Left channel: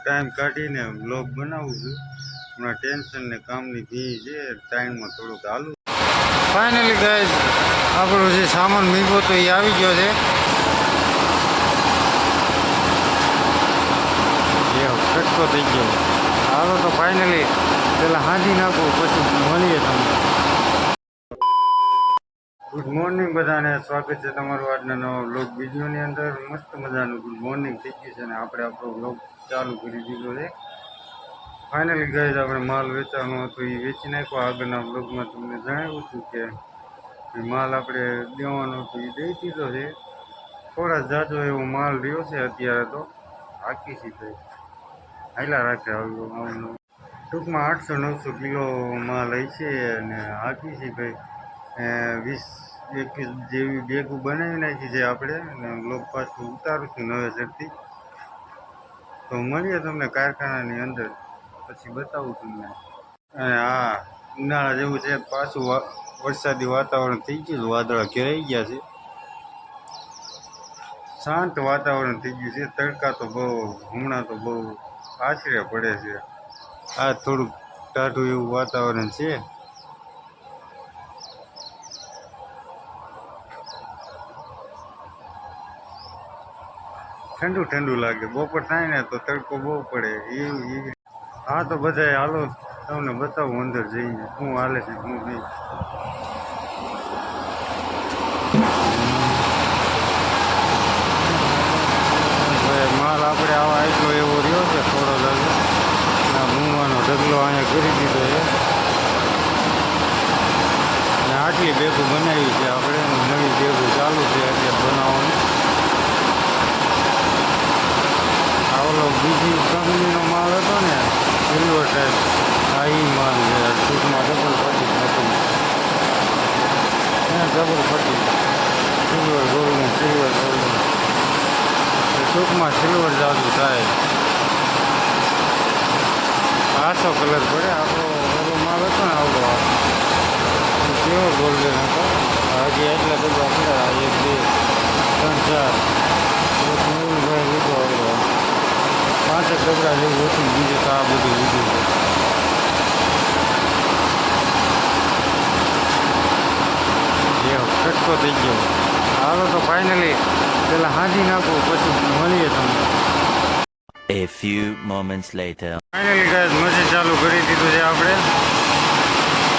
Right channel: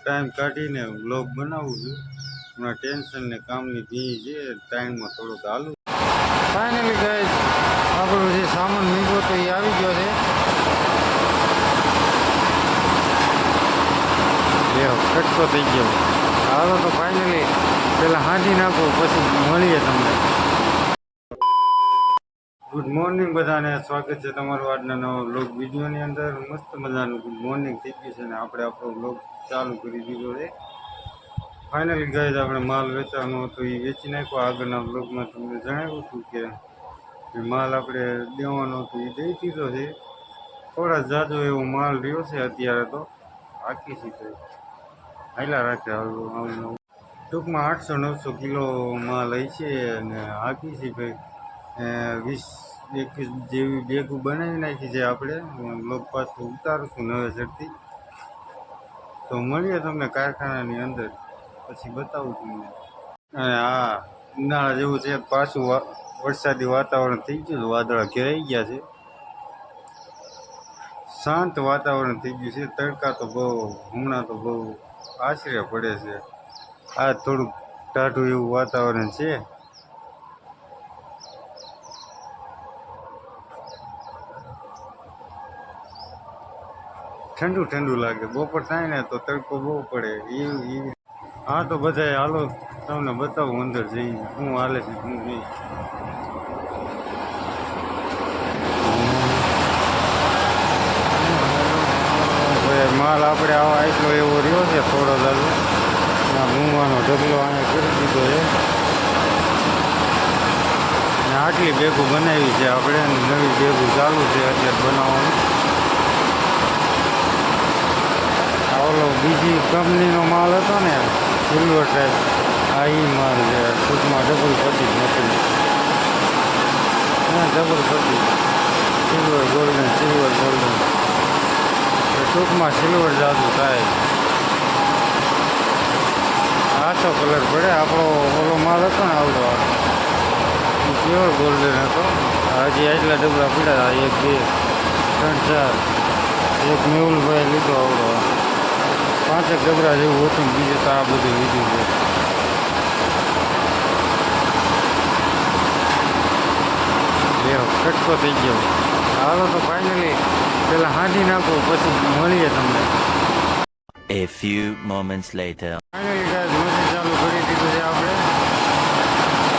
Time કાઢીને vlog બનાવું છું. હમણાં ટેન્શન ને કામની ભી છે, ટાઈમમાં થોડુંક હાલું. ફાઇનલી ગાઈઝ આપણો જે સામાન મીગો તો એ આવી ગયો છે. કટકો થઈ ગયો. હાલો તો ફાઇનલી પેલા હાંજી નાખો, પછી મળીએ તમને. ગુડ મોર્નિંગ બધાને, સ્વાગત છે તમારું આજના નવા વ્લોગ વિડીયોની અંદર. મસ્ત મજાનું ગુડ મોર્નિંગ થઈ ગયું છે ને આપણે આપણો વ્લોગ ચાલુ કરી દીધો છે. ફાઇનલી ગાઈઝ આપણે માલ વેચવાનો હતો એ વેચી નાખ્યો. આગળના વ્લોગમાં તમને જણાવ્યું હતું કે માલ આપણે દેવાનો હતો એ દઈ દીધો છે. થોડા જાજો એવો માલ રહ્યો છે અત્યારે, તો આખી સીધો હાઈલા રાખે આવું. ટૂંકમાં 800-900 કિલો માલ હોય છે અને આખી છે ભાઈ. 20-21 જેવી બેગો બનાવી નાખી છે આપણે, અને બ્લોગ પાછું ઉતારું છું નવેસરથી. તો મળીએ તમને કારખાનાની અંદર, પછી બતાવું તમને. હા, ઉનાળા જેવું છે, પાછું વરસાદી વાતાવરણ થઈ ગયું. વાદળા ઘેરાઈ ગયા છે, શાંત વાતાવરણ થઈ ગયું છે. તડકા તો બહુ હમણાં તો બહુ આશરે પડે છે. આ થોડુંક ટાઢું એવું વાતાવરણ છે. ઠંડુ ઠંડુ લાગે. બપોર થાય ને તો તડકો બહુ પડે એવી. હા તો બધાય હાલો તમને બતાવું અંદર જઈને શું હાલે છે શું નહીં. માલ આપણે આવા એટલો એવો રહ્યો છે થોડો દાદો. ના મૂંવાનો ઢગલો અહીંયા કરી દીધો છે અને આટલી બેગો બનાવી છે આપણે. નવી બેગો ચાલુ છે અત્યારે બનાવવાની. આ ઓલો બીજી કંપનીનો માલ હતો ને સિલ્વર ટાઈપ, આ એ માલ છે. ટૂંકમાં ડબલ પટ્ટી નથી, ડબલ પટ્ટી સિલ્વર ગોલ્ડન ટૂંકમાં સિલ્વર જાદુ થાય. આછો કલર પડે. આપણો ઓલો માલ હતો ને આવડો પ્યોર ગોલ્ડન હતો. હજી એટલા ડબ્બા પડ્યા, 1 2 3 4. એક મેહુલભાઈ લીધો આવડો 5 ડબરા જેવું હતું. બીજું તો આ બધું લીધું છે. કટકો થઈ ગયો. હાલો તો ફાઇનલી પેલા હાંજી નાખો, પછી મળીએ તમને. A few moments later. Finally guys machine ચાલુ કરી દીધું છે આપણે.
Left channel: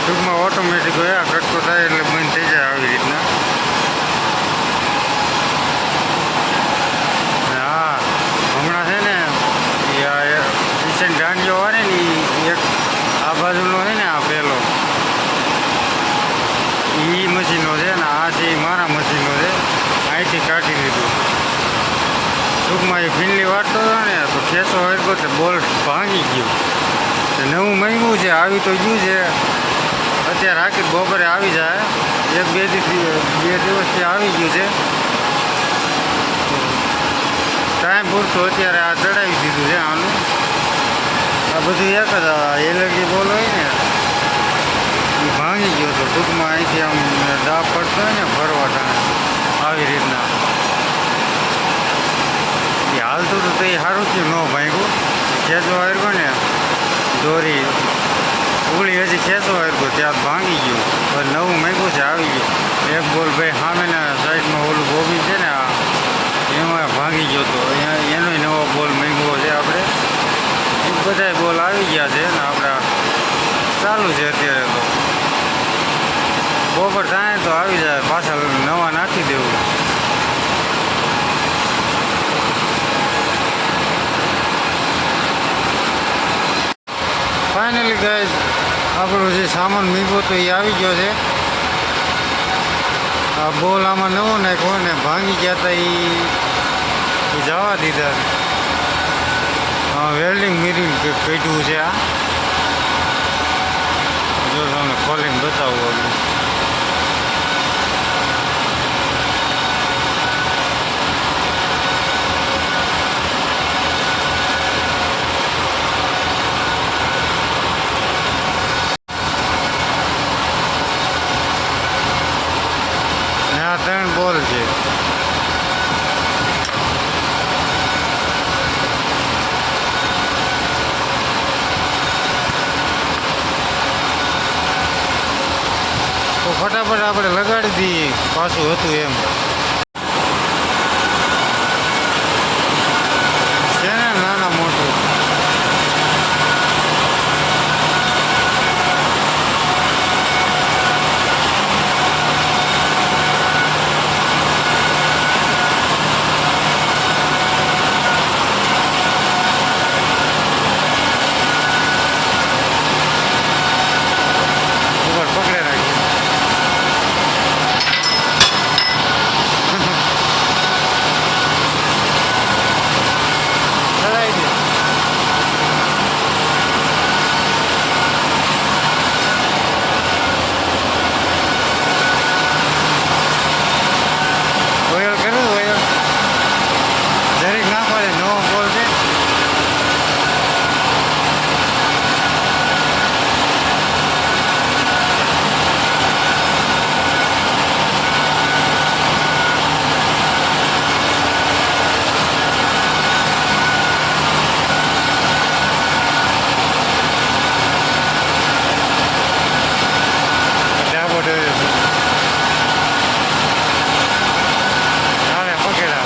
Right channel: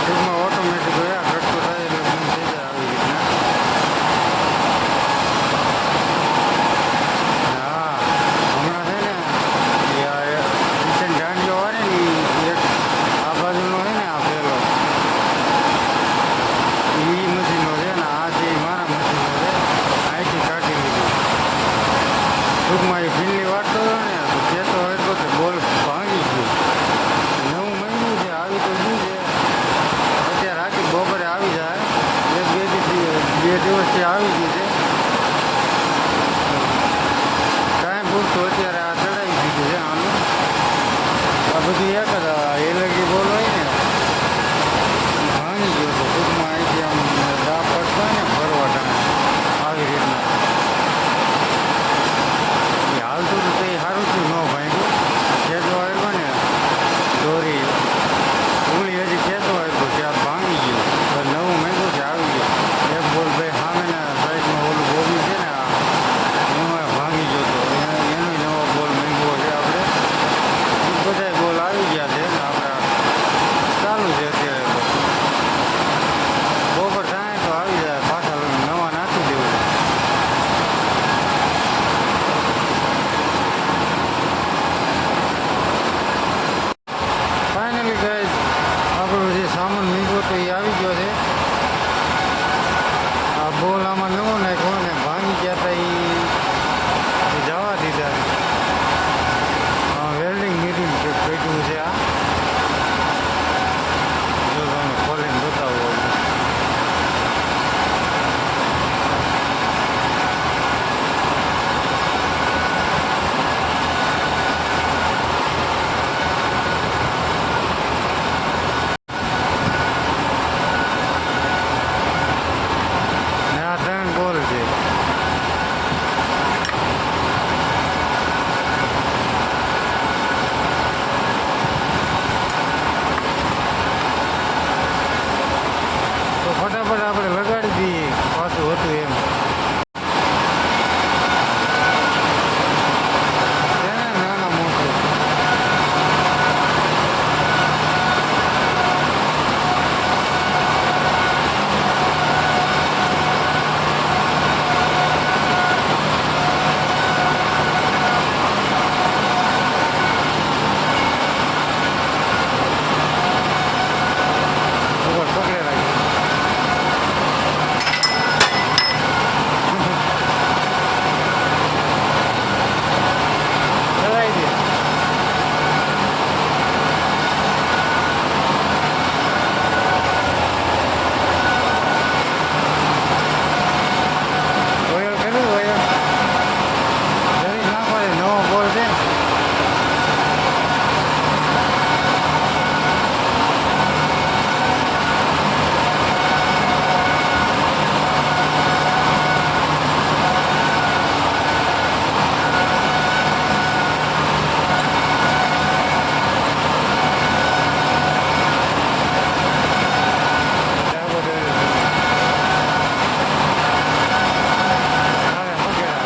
ટૂંકમાં ઓટોમેટિક હોય, કટકો થાય એટલે બંધ થઈ જાય આવી રીતના. હા, હમણાં છે ને કિચન દાંડીઓ હોય ને એક આ બાજુનો છે ને, આ પેલો એ મશીનો છે ને, આ જે મારા મશીનો છે અહીંથી કાઢી લીધું. ટૂંકમાં એ ફીનલી વાટતો હતો ને તો ખેંચો હરકો તે બોલ્ટ ભાંગી ગયું. નવું મહિનું છે, આવી તો ગયું છે. અત્યારે આખી બપોરે આવી જાય, 1-2 દિવસથી આવી ગયું છે. ટાઈમ પૂરતું અત્યારે આ ચડાવી દીધું છે આનું. આ બધું એક જ એલર્જી બોલ હોય ને એ ભાંગી ગયો હતો. ટૂંકમાં અહીંથી આમ દાબ પડતો હોય ને ફરવા ટાણે આવી રીતના એ હાલતું હતું. તો એ સારું થયું ન ભાંગ્યું. ખેંચવા આવ્યો ને દોરી ઉગળી હજી ખેંચવા આવ્યો ત્યાં ભાંગી ગયું. હવે નવું મેંગું છે, આવી ગયું. એક બોલ ભાઈ સામેના સાઈડમાં ઓલું બોબી છે ને આ એમાં ભાંગી ગયો હતો. એનો નવો બોલ મેંગવો છે આપણે. એ બધા બોલ આવી ગયા છે ને આપણે ચાલુ છે અત્યારે. તો બપોર થાય તો આવી જાય, પાછા નવા નાખી દેવું. ફાઇનલી ગાઈઝ આપણો જે સામાન મીગો તો એ આવી ગયો છે. આ બોલ આમાં નવો નાખ્યો ને ભાંગી ગયા હતા એ જવા દીધા. વેલ્ડિંગ મિરિંગ કાઢ્યું છે. આ જો તમને ખોલીને બતાવું. આ 3 બોલ છે. તો ફટાફટ આપણે લગાડી દઈએ પાછું હતું એમ છે ને નાના મોટું ઉપર પકડે રાખી ચડાવી દે ઓઇલ કર્યું ઓઇલ જરીક ના પડે નવો બોલ છે ડાબો ડોર્યો હાલે પકડા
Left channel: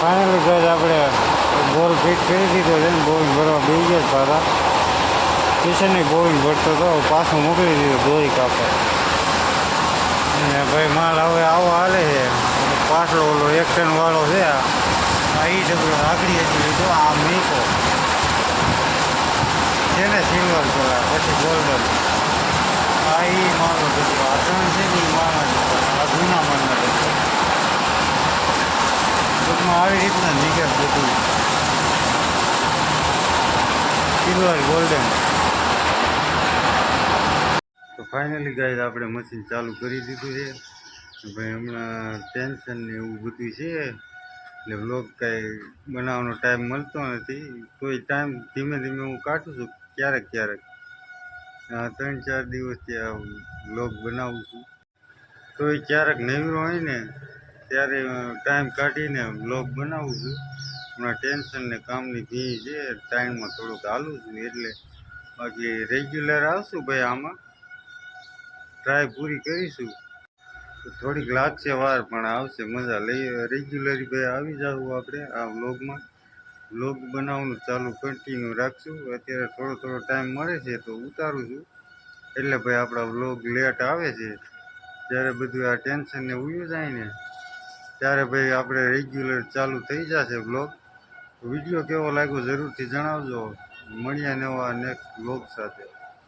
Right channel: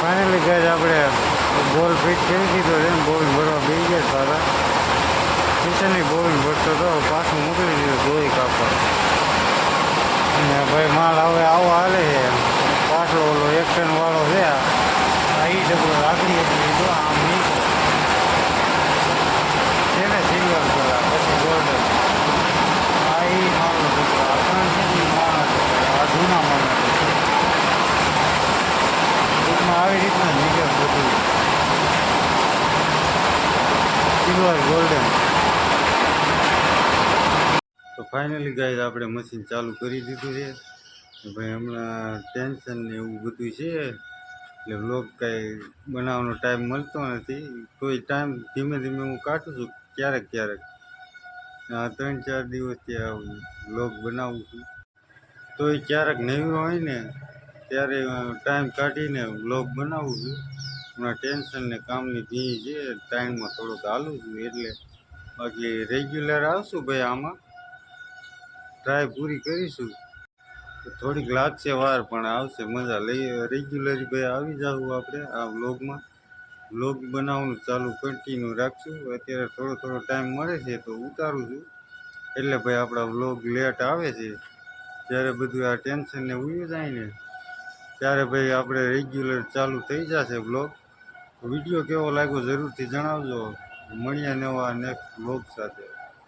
ફાઇનલી ગઈ આપણે બોલ ફિટ કરી દીધો છે ને બોલ ભરવા બેસી ગયા પાછા કિશનની બોલ ભરતો હતો પાછો મોકલી દીધો ધોઈ કાપડ અને ભાઈ માલ હવે આવો હાલે છે પાછળ ઓલો એક ટન વાળો છે આ ઈ ડબલો આગળી હતી લીધો આ મૂકો છે ને સિલ્વર કલર પછી ગોલ્ડન આ ઈ માલનો ડબલો આ ત્રણ છે ને ઈ માલના ડબલા આ જૂના માલના ડબલા ટૂંકમાં આવી રીતના નીકળે બધું સિલ્વર ગોલ્ડન તો ફાઇનલી ગાઈઝ આપણે મશીન ચાલુ કરી દીધું છે ભાઈ હમણાં ટેન્શન ને એવું બધું છે એટલે વ્લોગ કાંઈ બનાવવાનો ટાઈમ મળતો નથી તોય ટાઈમ ધીમે ધીમે હું કાઢું છું ક્યારેક ક્યારેક 3-4 દિવસથી આ વ્લોગ બનાવું છું તોય ક્યારેક નવરો હોય ને ત્યારે ટાઈમ કાઢીને વ્લોગ બનાવું છું હમણાં ટેન્શન ને કામની ભીડ છે ટાઈમમાં થોડુંક હાલું છું એટલે બાકી રેગ્યુલર આવશું ભાઈ આમાં ટ્રાય પૂરી કરીશું થોડીક લાગશે વાર પણ આવશે મજા લઈ રેગ્યુલરી ભાઈ આવી જાવ આપણે આ વ્લોગમાં વ્લોગ બનાવવાનું ચાલુ કન્ટિન્યુ રાખશું અત્યારે થોડો થોડો ટાઈમ મળે છે તો ઉતારું છું એટલે ભાઈ આપણા વ્લોગ લેટ આવે છે જ્યારે બધું આ ટેન્શન ને ઉયું જાય ને ત્યારે ભાઈ આપણે રેગ્યુલર ચાલુ થઈ જશે વ્લોગ વિડીયો કેવો લાગ્યો જરૂરથી જણાવજો મળીએ નવા નેક્સ્ટ વ્લોગ સાથે